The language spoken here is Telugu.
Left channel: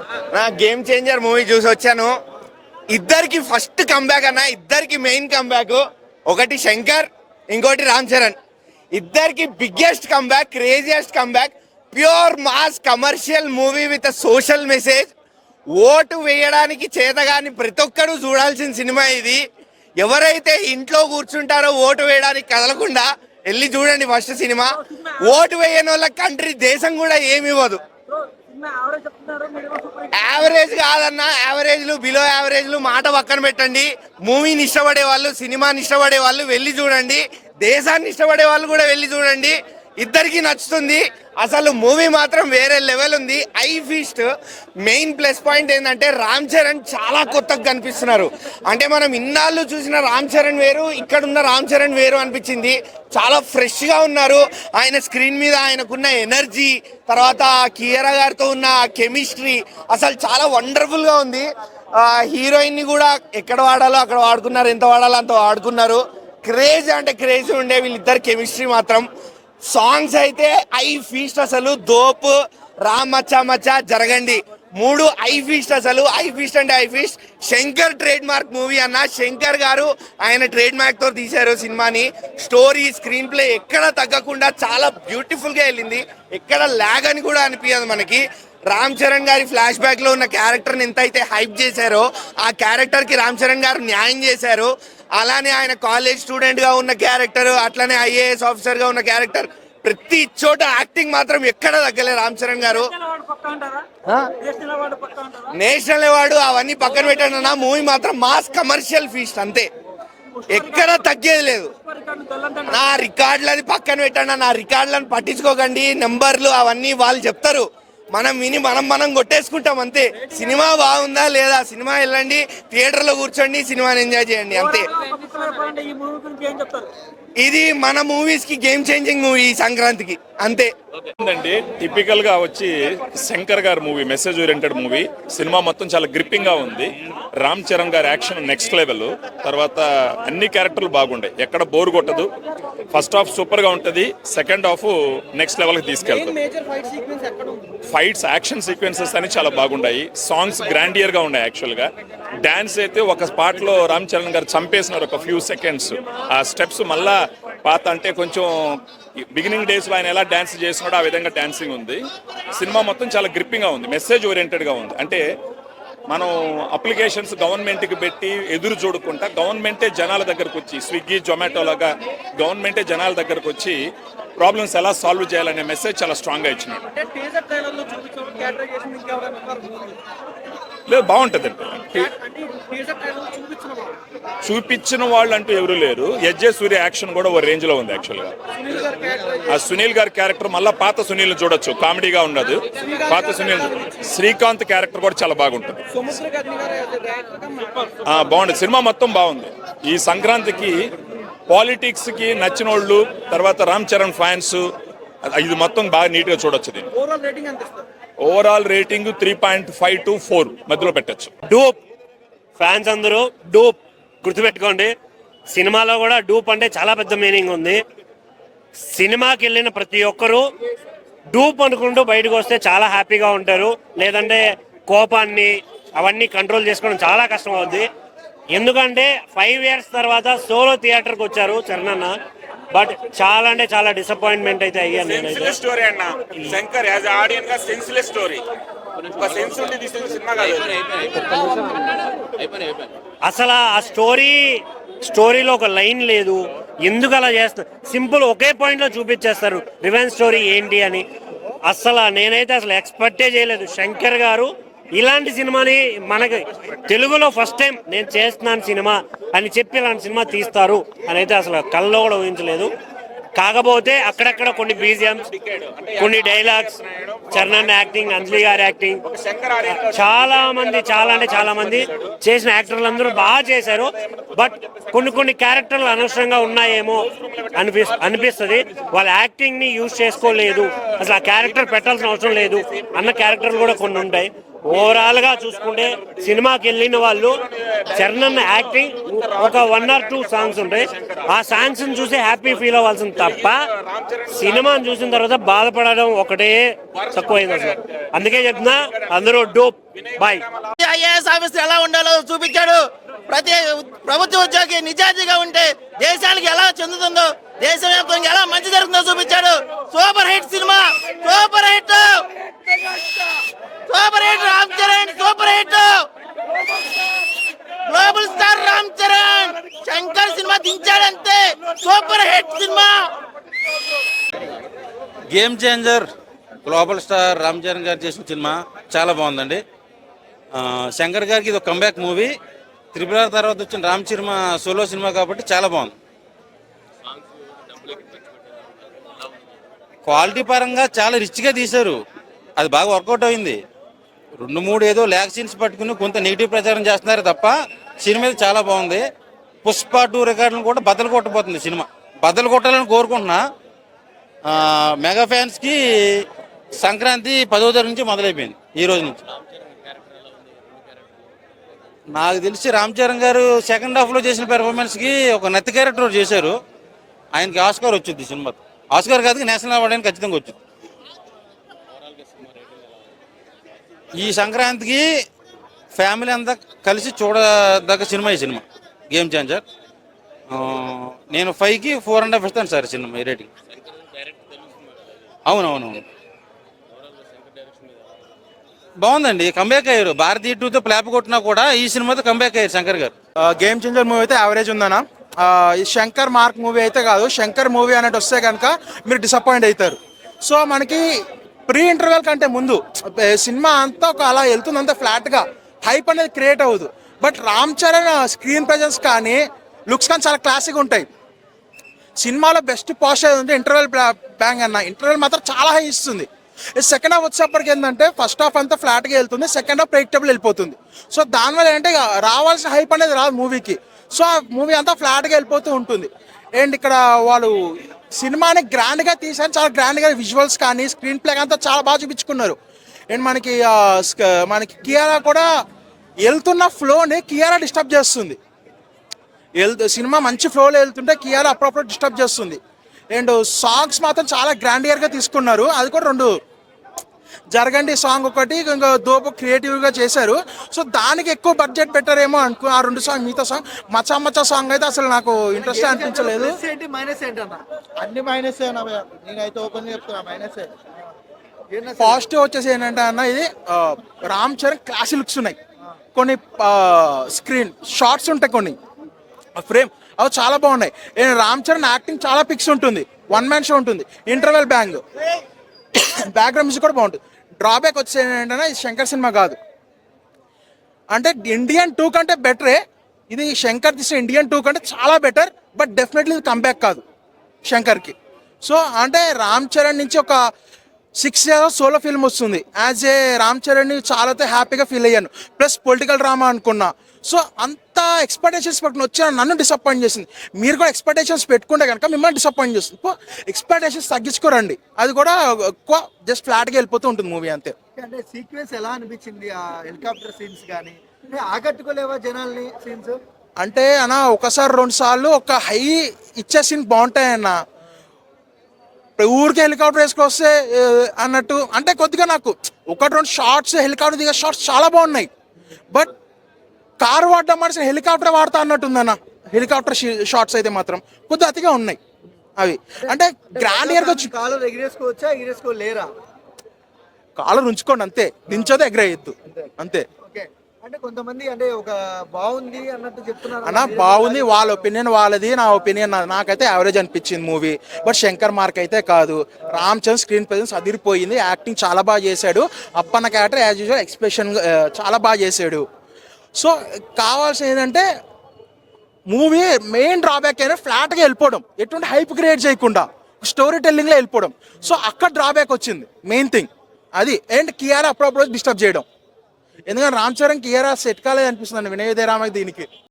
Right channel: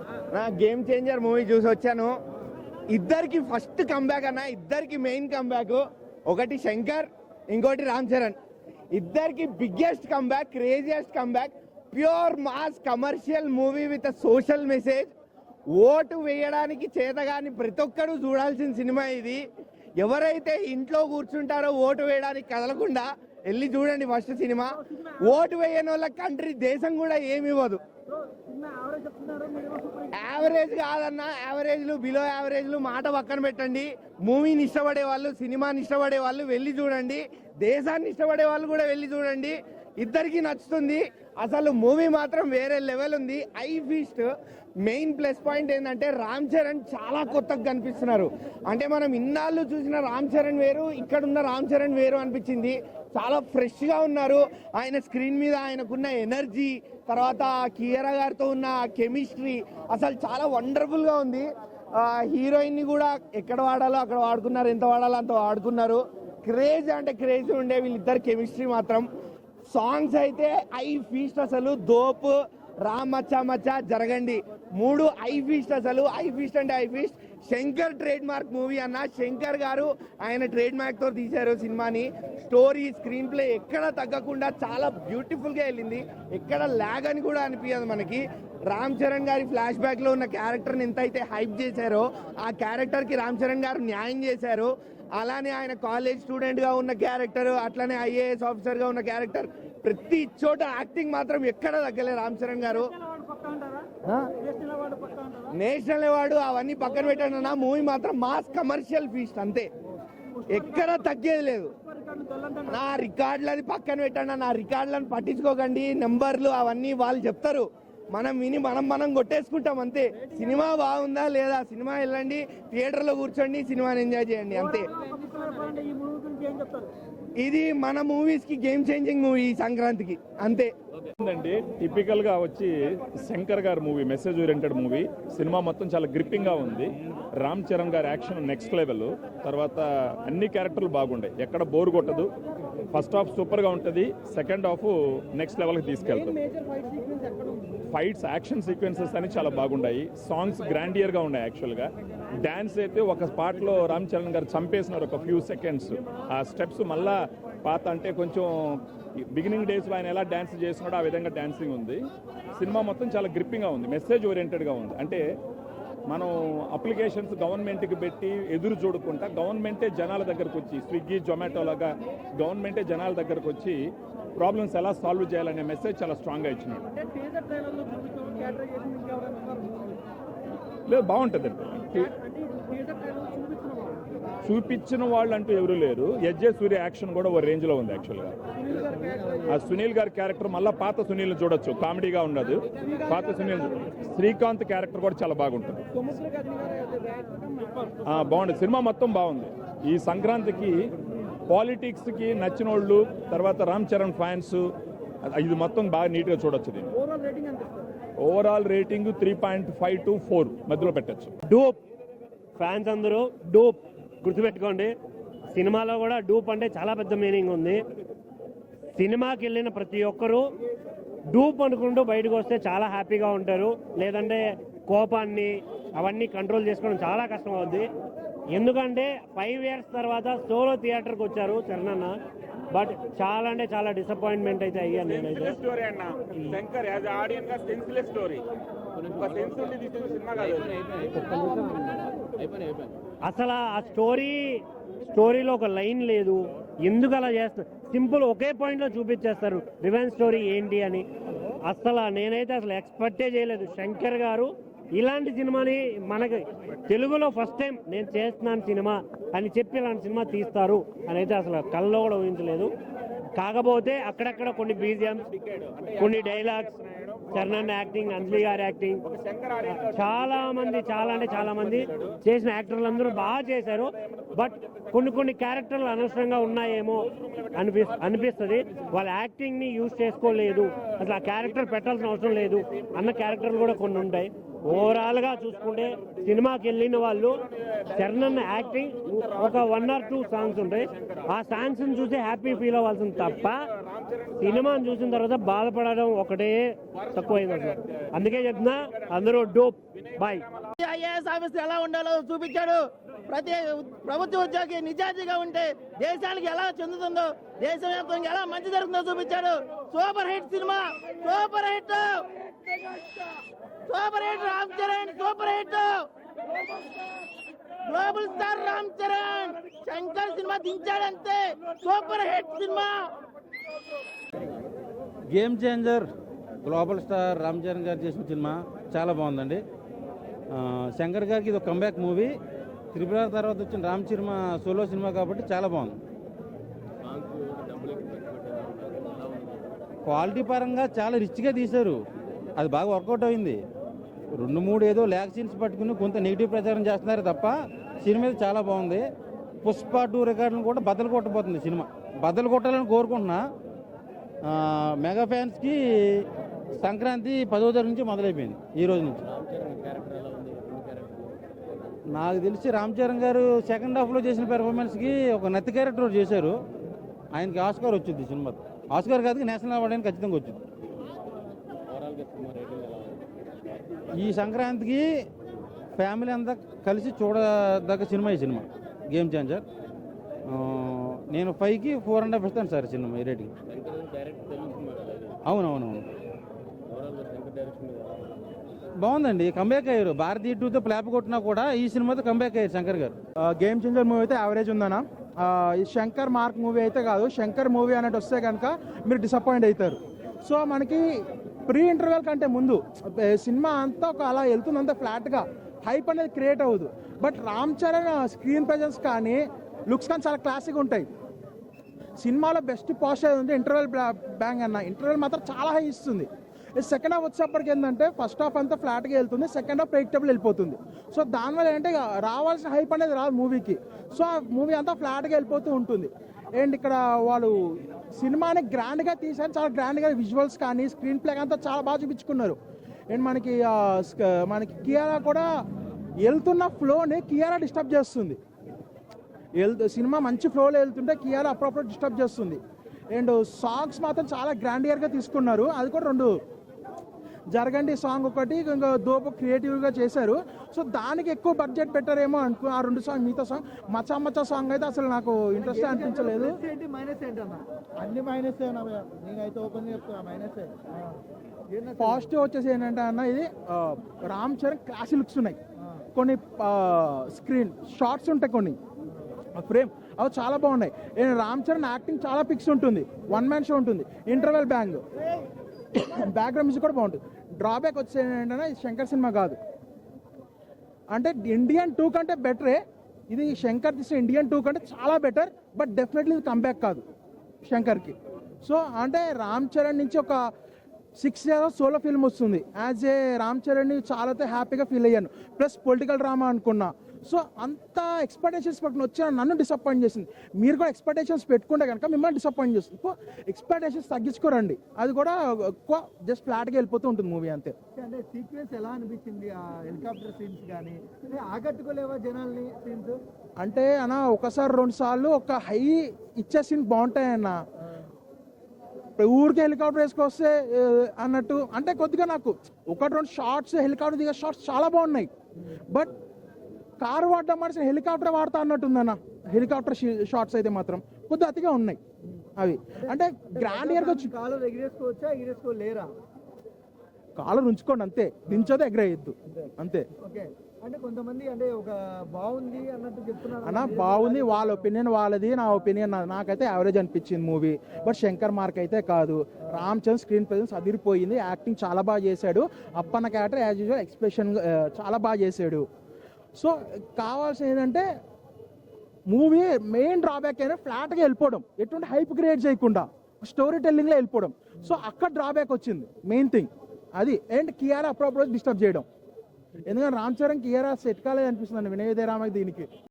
నా గేమ్ చేంజర్ మూవీ చూసి వచ్చాను. ఇద్దరికి ఫస్ట్ కంబ్యాక్ అన్న, ఇద్దరికి మెయిన్ కంబ్యాక్. ఒకటి శంకర్, ఇంకోటి రామ్ చరణ్. ఇద్దరికి biggest comeback, craziest comeback. Pure mass commercial movie with social message. Vote వేయడానికి చేతగాని ప్రతి ఒక్కరూ చూడాల్సిన సినిమా ఇది. ఎవరైతే ఇంట్లో కూర్చుంటారో ఓటు వేయడానికి కదలకుండా వెళ్ళి చూడండి ఫస్ట్ సినిమా. ఓటు వేయని వాళ్ళ కంట్రీ దేశం కూడా ఏమి ఇవ్వదు. యావరేజ్ కాదన్న, యావరేజ్లు బిలో యావరేజ్లు మాట పక్కన పెట్టండి. మూవీని ఇష్టపడే వాళ్ళు, సినిమాని ఇష్టపడే వాళ్ళు వెళ్ళి చూడండి. దేశాన్ని ఇష్టపడే వాళ్ళు కూడా వెళ్ళి చూడండి. ఇద్దరికి నచ్చుతుంది. అసలు మూవీ మాత్రం వేరే లెవెల్ ఉంది. I feast main plus point ఏంటంటే రామ్ చరణ్ చాలా కొత్తగా కనిపిస్తున్నారు. అంటే మనం ఇన్నాళ్ళు చూసిన రామ్ చరణ్ వేరు, ఇక్కడ ఉన్న రామ్ చరణ్ వేరు అనిపించింది. చాలా ఫ్రెష్గా ఉన్నారు. ఆయన స్క్రీన్ మీద ఆయనకున్న ఎనర్జీ, తర్వాత కియారా గారితో ఉన్న కెమిస్ట్రీ అసలు చాలా వండర్ఫుల్గా ఉంది. హీరోయిన్ని కూడా ఎక్కడ వాడాలో అక్కడ వాడుకున్నారు, ఎంత వాడాలో అంత వాడుకున్నారు. క్రేజ్ అంటే క్రేజ్ ఉండే వీళ్ళిద్దరు కెమిస్ట్రీ మాత్రం. సాంగ్స్ అయితే ఐ ఫీస్ట్, అసలు దోప్, రామ్ మచ్చా మచ్చా, జరగండి, మూడు ఐ ఫీస్ట్. అసలు ఐ ఫీస్ట్ అంటే I feast. Shankar trade mark movie అన్న. శంకర్ గారు ఆయన ట్రేడ్ మార్క్ తో తీశారు సినిమాని. స్టోరీ, స్క్రీన్ ప్లే ఎక్కడ తగ్గకుండా చాలా బ్యూటిఫుల్ గా వెళ్ళింది. ఎక్కడ ల్యాగ్ అని కూడా అనిపించదు మనకి. రామ్ చరణ్ గారి ఫ్లాష్ బ్యాక్ లో ఉన్న క్యారెక్టర్ని ఎంత అయితే హైప్ చేశారో ఆ క్యారెక్టర్ కి రామ్ చరణ్ గారు న్యాయం చేశారు. అలానే ఆయన కాలేజ్ స్టూడెంట్ గా ఉన్న క్యారెక్టర్, అట్లానే ఐఏఎస్ ఆఫీసర్ గా ఉన్న క్యారెక్టర్, ప్రతి చోట యాక్టింగ్ మాత్రం ఎక్కడ తగ్గలే రామ్ చరణ్ గారు. నేషనల్ అవార్డు అవన్నీ పక్కన పెట్టండి అన్న, మూవీ మాత్రం మాస్ కమర్షియల్ ఫీస్ట్ అంతే, ఎక్కడ తగ్గేది లేదు. నా రికార్డులు అది పక్కన పెట్టండి, నా రికార్డులను పట్టించుకోకండి. నెంబర్లు అవన్నీ వాళ్ళు చెప్తారు, మనం విని మనం కొట్టేసుకుంటాం అంతే. సినిమా బాగుందా లేదా, సినిమా వెళ్ళండి, థియేటర్లో కూర్చోండి, సినిమాని ఎంజాయ్ చేయండి అంతే. ఇది మన మూవీస్ కి గేమ్ చేంజింగ్ మూవీ ఈ సంక్రాంతికి అంతే. అండి టిపికల్ గా వచ్చి శంకర్ గారి movie, message oriented movie. Cinema మొత్తం చాలా గ్రిప్పింగ్ గా ఉంది. రామ్ చరణ్ గారి యాక్షన్ నెక్స్ట్ లెవెల్. తర్వాత అన్ని క్యారెక్టర్లు బాగుంటాయి, ఎక్కడ బోర్ కొట్టదు. ఫస్ట్ హాఫ్ సూపర్ గా ఉంటది, సెకండ్ హాఫ్ నెక్స్ట్ లెవెల్ కి తీసుకెళ్తుంది. ఫైట్స్, యాక్షన్ సీక్వెన్సెస్ అని చాలా బాగున్నాయి. సాంగ్స్ గ్రాండియర్ గా ఉన్నాయి. యాక్చువల్ గా డాన్స్ అయితే ఒక స్పాట్ లో రామ్ చరణ్ గారు చంపేసినారు ఒక ఫ్యూ సెకండ్స్. ఆ స్టెప్స్ మళ్ళా పాత, అంటే కొంచెం బిగినింగ్ డేస్ లో ఆయన ఎలా డాన్స్ చేస్తున్నాడో ఆ విధంగా డాన్సింగ్ ఉంది. సినిమా మొత్తం చాలా గ్రిప్పింగ్ గా ఉంది, మెసేజ్ ఓరియంటెడ్ గా ఉంది. అంటే మనం అప్లికేషన్స్ గవర్నమెంట్కి పెట్టి ఎదురు చూడకుండా గవర్నమెంటే జనాల దగ్గరకు వచ్చి, స్విగ్గీ జొమాటో లాగా గవర్నమెంటే జనాల దగ్గరకు వచ్చి ప్రాబ్లమ్స్ ఎలా సాల్వ్ చేయాలనే మెసేజ్ చాలా స్ట్రాంగ్గా ఇచ్చినాడు. లేదు, బాగుంటుంది. చూపించిన వాళ్ళు అంటూ ఎవరు లేరు. ఎస్జే సూర్య యాక్షన్ కూడా ఓ రేంజ్ లో ఉంది. యాక్చువల్గా ఆ సునీల్ గారి క్యారెక్టర్ మళ్ళీ పాత సునీల్ చూడొచ్చు, కామెడీగా ఉండదు. పాత సునీల్, శ్రీకాంత్ క్యారెక్టర్ కూడా చాలా బాగుంటుంది. బాగుంది, సినిమా మొత్తం బాగుంది. ఈ సంక్రాంతికి పాలిటిక్స్ కి నచ్చిన వాళ్ళు, తర్వాత రామ్ చరణ్ ఫ్యాన్స్, ఇది మొత్తం బాగా నీట్ గా చూడొచ్చు. దీన్ని ఓవరాల్ రేటింగ్ 3.5 to 4 మధ్యలో పెట్టచ్చు. డూప్ ఫ్యాన్స్ అందరూ డూప్ గుర్తుపెట్టుకోండి. సినిమాలో కూడా డూప్ అంటే చాలా పెద్ద మీనింగ్ ఉంది. సినిమాకి వెళ్ళిన ప్రతి ఒక్కరూ డూప్ అనుకుంటూ బయటకు వస్తే చాలా హ్యాపీగా ఉంటారు. లేదంటే కోపాన్ని అవన్నీ కంట్రోల్ చేసుకోవడం చాలా కష్టం అవుద్ది. ఎందుకంటే 5 years తర్వాత సోలో థియేటర్కి వచ్చారు చరణ్ అన్న. బట్ చాలా అంటే చాలా డిసప్పాయింట్మెంట్ అయితే అయ్యాను నేనైతే. స్టోరీ అన్న, శంకర్ యాజ్ ఆడియన్స్ గా సెన్స్లెస్ స్టోరీ. ఒక సెన్స్ ఉండి తీసిన సినిమా కాదు. అసలు ఆ స్టోరీలో ఒక లైన్ లేదు. ఎందుకు అలా చేస్తారు? సింపుల్ ఒకే పాయింట్ లో చూపించేస్తారు రివెంజ్ స్టోరీ ఏంటి అని. అసలు నేనైతే అసలు ఎక్స్పెక్టే చేయలేదు శంకర్ గారు ఇలాంటి సినిమాని మనకి తెలుగులో ఫస్ట్ టైం నేను చేస్తున్నాను సినిమా అని చెప్పి ఇలాంటి సినిమా తీస్తారు అని అయితే అసలు కల్లో కూడా ఊహించలేదు. కాకపోతే అక్కడక్కడ కొన్ని బీజిఎమ్స్, కొన్ని డైలాగ్స్, చరణ్ యాక్టింగ్, అంజలి గారి యాక్టింగ్, చాలా మంది చేసిన యాక్టర్లు అందరూ బాగా చేశారు. బట్ కొన్ని క్యారెక్టర్లు అనవసరంగా ఉన్నాయేమో అనిపిస్తుంది. వాళ్ళ యాక్టింగ్ ని యూజ్ చేసుకోలేదు, అసలు ఆ క్యారెక్టర్ పెట్టాల్సిన అవసరం లేదు అన్న క్యారెక్టర్లు కూడా కొన్ని ఉంటాయి. ఓవరాల్ గా చూసుకుంటే సినిమాకి వెళ్ళిన వాళ్ళు చరణ్ యాక్టింగ్ ఒక 1 or 2 సాంగ్స్ ఉంటాయి, ఆ సాంగ్స్ చూసి హ్యాపీ ఫీల్ అవ్వాల్సింది తప్ప సినిమాని చూసిన తర్వాత బాధపడడం ఒకటే తక్కువైంది అసలు. అందుకే చెప్తున్నా అందరూ డోప్ బాయ్. ఐఏఎస్ ఆఫీసర్ ఎలా ఉండాలో చూపించాడు. ప్రతి ప్రభుత్వ ఉద్యోగి నిజాయితీగా ఉంటే దేశానికి ఎలా చెందుతుందో, దేశవ్యాప్తంగా ఎలా మంచి జరుగుతుందో చూపించాడు. Super hit cinema, super hit, super hit Ram Charan, super hit, global star Ram Charan. Shankar cinema దించాడంతే, super hit cinema. Game changer global star Ram Charan garu చేసిన సినిమా చాలా బాగుందండి. శంకర్ గారికి ఇది ఒక కంబ్యాక్ మూవీ. త్రిపుర తర్వాత వచ్చిన రామ్ చరణ్ సోలో సినిమా కాబట్టి చాలా బాగుంది. క్వాలిటీ పరంగా చాలా రిచ్గా తీశారు, అది బాగా వర్కౌట్ అయింది. 2-3 ఏదో ల్యాక్ సీన్స్ పట్టుకుని కొంత నెగిటివ్ ప్రచారం చేస్తున్నారు తప్ప సినిమా అయితే చాలా బాగుంది. పుష్ప 2 రికార్డులను కూడా బద్దలు కొట్టబోతుంది సినిమా. బద్దలు కొట్టాలని కోరుకుంటున్నా. మెగా ఫ్యాన్స్కి సంక్రాంతి 10వ తారీఖు నుంచి మొదలైపోయింది, ఈ రోజు నుంచి. నాకు తెలిసి రామ్ చరణ్ గారు సెకండ్ హాఫ్లో చేసిన పెర్ఫార్మెన్స్కి ఒక నత్తి క్యారెక్టర్ చేశారు. ఆయనకి ఆస్కార్ వచ్చింది సినిమా. ఆస్కార్ కాదు, నేషనల్ అవార్డు అని ఖచ్చితంగా వచ్చింది. ఈ సంక్రాంతికి ఫ్యామిలీ అంతా కలిసి చూడదగ్గ సినిమా ఈ సినిమా గేమ్ చేంజర్. నేను 5కి 4.5 ఇస్తాను సార్ సినిమా రేటింగ్. అవునవునవును, బాగుందండి. కంబ్యాక్ అయ్యారు. భారతీయ 2తో ప్లాప్ కొట్టినా కూడా ఈ సినిమాతో కంబ్యాక్ అయ్యారు శంకర్ గారు. గేమ్ చేంజర్ మూవీ అయితే యావరేజ్ ఉందన్నా. ఈ శంకర్ మార్క్ మూవీ అయితే కాదు. శంకర్ మూవీ అన్నట్టు వస్తే కనుక మీరు డిసప్పాయింట్ అవుతారు. సో మనకి ప్రీ ఇంటర్వెల్ కంటే ముందు సినిమా అంతా ఒక అలా వెళ్తుంది, అంతా ఫ్లాట్గా హైప్ అనేది క్రియేట్ అవ్వదు. But Ram Charan screen presence కానీ లుక్స్ కానీ చాలా క్లాసిక్గా ఉంటాయి. సినిమాలో బెస్ట్ పాజిటివ్ అంటే ఇంటర్వెల్ బ్యాంగ్ అన్న. ఇంటర్వెల్ మాత్రం చాలా హై ఇస్తుంది. సెకండ్ హాఫ్ వచ్చేప్పటికి ఏంటంటే ఫస్ట్ హాఫ్ అంతా ఫ్లాట్గా వెళ్తుంది, సెకండ్ హాఫ్ ప్రెడిక్టబుల్ వెళ్ళిపోతుంది. సో దానివల్ల ఏంటంటే రావాల్సిన హైప్ అనేది రాదు మూవీకి. సో ఆ మూవీ అంతా ఫ్లాట్గా వెళ్ళిపోతూ ఉంటుంది. అండ్ ఇక్కడ వాళ్ళు సినిమాని గ్రాండ్గా తీసారు, చాలా గ్రాండ్గా విజువల్స్ కానీ స్క్రీన్ ప్లే అంతా చాలా బాగా చూపించుకున్నారు. అండ్ మనకి కియారా కూడా వెళ్తున్న ఫ్లోని కియారా డిస్టర్బ్ చేస్తుంది. సినిమా మంచి ఫ్లోలో వెళ్తుంటే కియారా అప్పుడప్పుడు డిస్టర్బ్ చేస్తుంది. అండ్ సాంగ్స్ మాత్రం చాలా గ్రాండియర్గా తీసుకున్నారు. అది కూడా 2 జరగండి సాంగ్ ఒకటి, ఇంకా దోపు క్రియేటివ్గా చేశారు. సో దానికి ఎక్కువ బడ్జెట్ పెట్టారేమో అనుకో. ఆ 2 సాంగ్, మిగతా సాంగ్ మచ్చా మచ్చా సాంగ్ అయితే అసలు నాకు ఇంట్రెస్ట్ అనిపించలేదు. అన్ని మైనస్ నేనైతే ఓపెన్ చెప్తున్నా మైనస్. పాజిటివ్ వచ్చేసి ఏంటంటే అన్న, ఇది రామ్ చరణ్ క్లాస్ లుక్స్ ఉన్నాయి, కొన్ని స్క్రీన్ షార్ట్స్ ఉంటాయి, కొన్ని ఫ్రేమ్ అవి చాలా బాగున్నాయి. రామ్ చరణ్ యాక్టింగ్ చాలా పిక్స్ ఉంటుంది, 1 man షో ఉంటుంది, ఇంటర్వెల్ బ్యాక్గ్రౌండ్ మ్యూజిక్ కూడా బాగుంటుంది. డ్రాబ్యాక్ వచ్చేసి ఏంటంటే ఇది శంకర్ సినిమా కాదు. అంటే ఇండియన్ 2 కంటే బెటరే ఇది. శంకర్ తీసిన ఇండియన్ 2 కంటే చాలా బెటర్. బట్ డెఫినెట్లీ ఇది కంబ్యాక్ కాదు శంకర్కి. సో అంటే రామ్ చరణ్ నుంచి ఒక 6 years సోలో ఫిల్మ్ వస్తుంది. యాజ్ ఏ రామ్ చరణ్ని చాలా హ్యాపీగా ఫీల్ అయ్యాను. ప్లస్ పొలిటికల్ డ్రామా అనుకున్నా. సో అంత ఎక్స్పెక్టేషన్స్ పెట్టుకుని వచ్చిన నన్ను డిసప్పాయింట్ చేసింది. మీరు కూడా ఎక్స్పెక్టేషన్స్ పెట్టుకుంటే కనుక మిమ్మల్ని డిసప్పాయింట్ చేస్తుంది. ఎక్స్పెక్టేషన్స్ తగ్గించుకోరండి, అది కూడా ఎక్కువ జస్ట్ ఫ్లాట్గా వెళ్ళిపోతూ ఉంటుంది మూవీ అంతే. అంటే సీక్వెన్స్ ఎలా అనిపించింది? ఆ హెలికాప్టర్ సీన్స్ కానీ ఆకట్టుకోలేవా జనాల్ని సీన్స్? అంటే అన్న ఒకసారి 2 సార్లు ఒక హై ఇచ్చే సీన్ బాగుంటాయన్న. ఊరికి హెలికాప్టర్ వేసుకొస్తే అన్నట్టు అంటే కొద్దిగా నాకు 1-2 షార్ట్స్ హెలికాప్టర్ దిగే షార్ట్స్ చాలా బాగున్నాయి. బట్ కారు వాడడం మనిషి హెలికాప్టర్ వాడతా అన్నట్టుందన్న. హెలికాప్టర్ షార్ట్స్ అయితే మాత్రం కొద్దిగా అతిగా ఉన్నాయి. అవి అంటే గ్రాండియర్గా కాలర్ ఎగిరేసుకోవచ్చా, ఎగిరేసుకోలేరా? కాలర్ ఉంచుకోండి అంతే, దించోదే ఎగరేయద్దు అంతే. ఓకే. అంటే కొంతమంది అంటే ఒక బాగుంది అన్నట్టు చెప్తున్నారు అన్న. బాగుంది, వాళ్ళ ఒపీనియన్ వాళ్ళది, నా ఒపీనియన్ నాకైతే యావరేజ్ అనిపించింది మూవీ. బట్ శంకర్ మార్క్ అయితే కాదు. రామ్ చరణ్ స్క్రీన్ ప్రెజెన్స్ అదిరిపోయింది, యాక్టింగ్ చాలా బాగా చేశాడు. Appanna character as usual expression చాలా బాగా చేశాడు. సో కావాల్సింది ఏంటంటే మూవీ మెయిన్ డ్రాబ్యాక్ అయినా ఫ్లాట్గా వెళ్ళిపోవడం, ఎటువంటి హైప్ క్రియేట్ చేయకుండా స్టోరీ టెల్లింగ్లో వెళ్ళిపోవడం. సో అక్కడ డ్రాబ్యాక్ వచ్చింది మెయిన్ థింగ్ అది. అండ్ కియారా అప్పుడప్పుడు డిస్టర్బ్ చేయడం. ఎందుకంటే రామ్ చరణ్ కియారా సెట్ కాలేదు అనిపిస్తుంది వినయ్ విజయరామకి దీనికి.